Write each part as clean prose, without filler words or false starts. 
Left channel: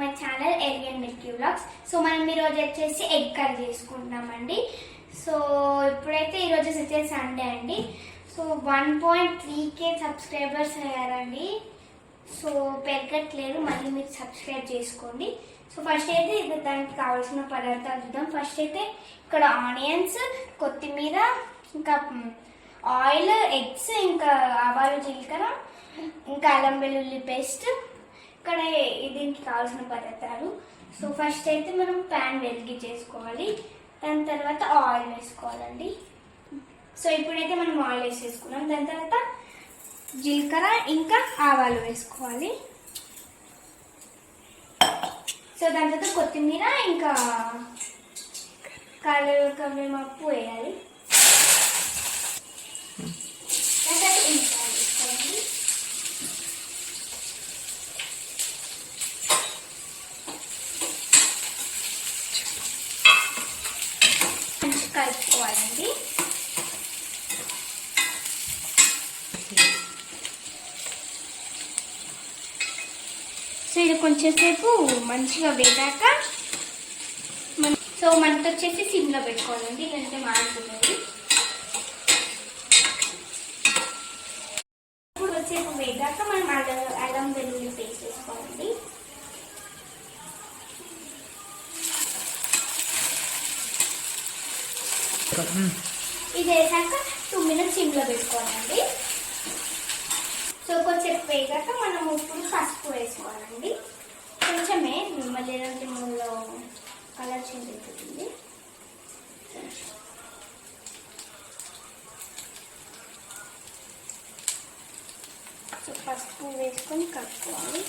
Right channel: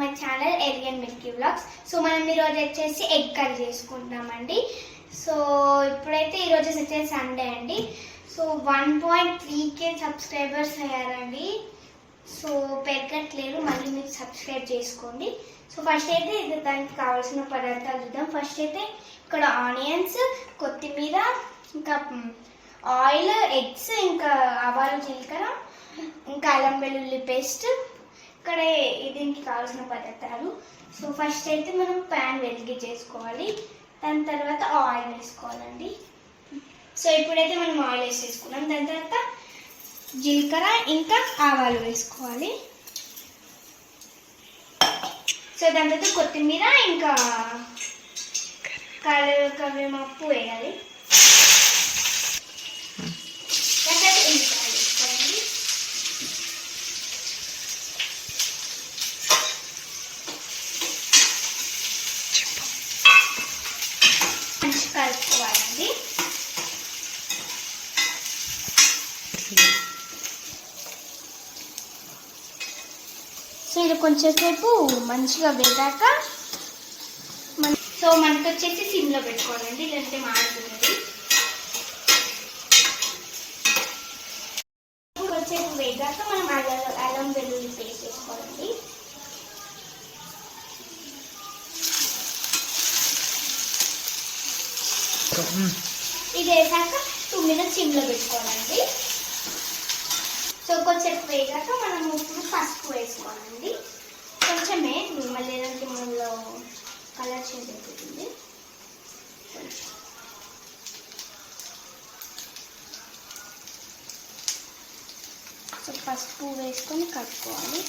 My channel alien Milky vlogs. So మనం ఈరోజు వచ్చేసి ఎగ్ కర్రీ చేసుకుంటున్నామండి. సో ఇప్పుడైతే ఈరోజు వచ్చేసి సండే అండి. సో 1.3K సబ్స్క్రైబర్స్ అయ్యారండి. సో పెరగట్లేదు, మళ్ళీ మీరు సబ్స్క్రైబ్ చేసుకోండి. సో ఫస్ట్ అయితే దానికి కావాల్సిన పదార్థాలు చూద్దాం. ఫస్ట్ అయితే ఇక్కడ ఆనియన్స్, కొత్తిమీర, ఇంకా ఆయిల్, ఎగ్స్, ఇంకా ఆవాలు, జీలకర్ర, ఇంకా అల్లం వెల్లుల్లి పేస్ట్. ఇక్కడ దీనికి కావాల్సిన పదార్థాలు. సో ఫస్ట్ అయితే మనం ప్యాన్ వెలిగించేసుకోవాలి. దాని తర్వాత ఆయిల్ వేసుకోవాలండి. సో ఇప్పుడైతే మనం ఆయిల్ వేసేసుకున్నాం. దాని తర్వాత జీలకర్ర ఇంకా ఆవాలు వేసుకోవాలి. సో దాని తర్వాత కొత్తిమీర ఇంకా కరివేపాకు వేయాలి. కలుపుకోవాలండి. సో ఇది కొంచెంసేపు మంచిగా వేగాక సో మనతో వచ్చేసి సిమ్లో పెట్టుకోవాలండి, లేదంటే మాడుతుంది. ఇప్పుడు వచ్చేసి వేగాక మనం అల్లం వెల్లుల్లి పేస్ట్ వేసుకోవాలండి. ఇది వేసాక 2 minutes సిమ్లో పెట్టుకోవాలండి. సో కొంచెం వేగాక మనం ఇప్పుడు పసుపు వేసుకోవాలండి. కొంచెమే, మళ్ళీ ఏదంటే మూలో కలర్ చేంజ్ అయిపోతుంది. సో పసుపు వేసుకొని కలుపుకోవాలి.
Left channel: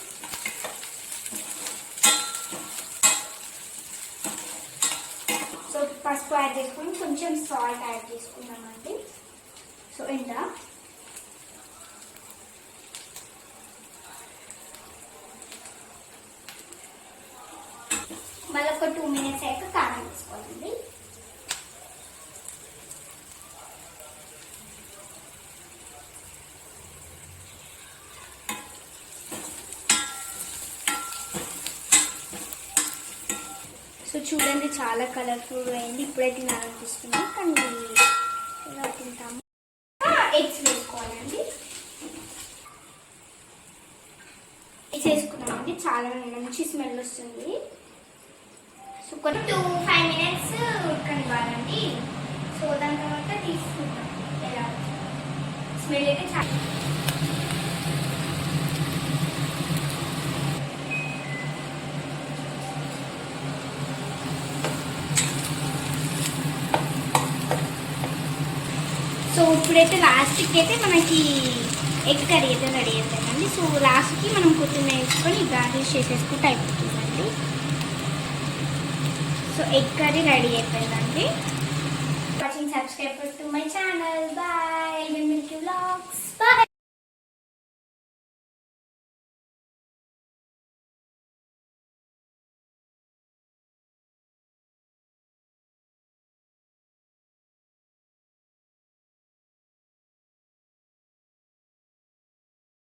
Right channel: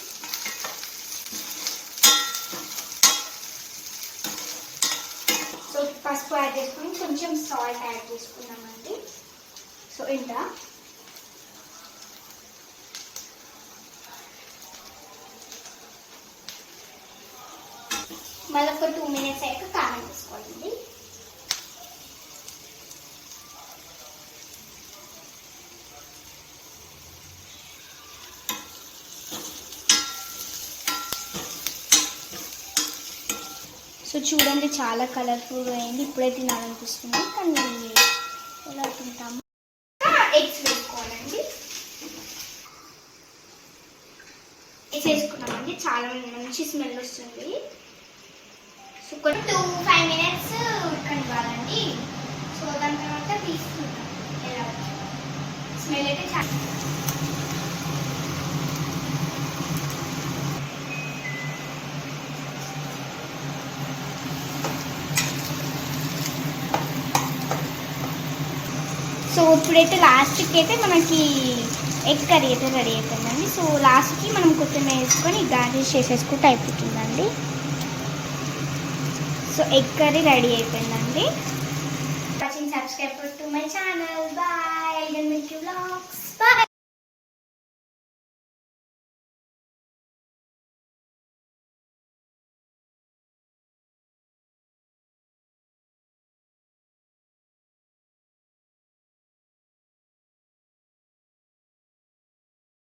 సో పసుపు యాడ్ చేసుకొని కొంచెం సాల్ట్ యాడ్ చేసుకున్నానండి. సో ఇంత మళ్ళీ ఒక 2 minutes అయ్యాక కారం వేసుకోవాలండి. సో చూడండి, చాలా కలర్ఫుల్గా అయింది. ఇప్పుడే తినాలనిపిస్తుంది, కానీ ఎలా తింటాము. ఎగ్స్ వేసుకోవాలండి. ఎగ్స్ వేసుకున్నామండి. చాలా మంచి స్మెల్ వస్తుంది. So 5 minutes ఉడకనివ్వాలండి. సో దాని తర్వాత తీసుకుంటాం. ఎలా స్మెల్ అయితే చాలా సో ఇప్పుడైతే లాస్ట్కి అయితే మనకి ఎగ్ కర్రీ అయితే రెడీ అయిపోయిందండి. సో లాస్ట్కి మనం కొత్తిమీర వేసుకొని గార్నిష్ చేసేసుకుంటే అయిపోతుందండి. సో ఎగ్ కర్రీ రెడీ అయిపోయిందండి. Watching, subscribe to my channel. Bye, Alien Milky vlogs.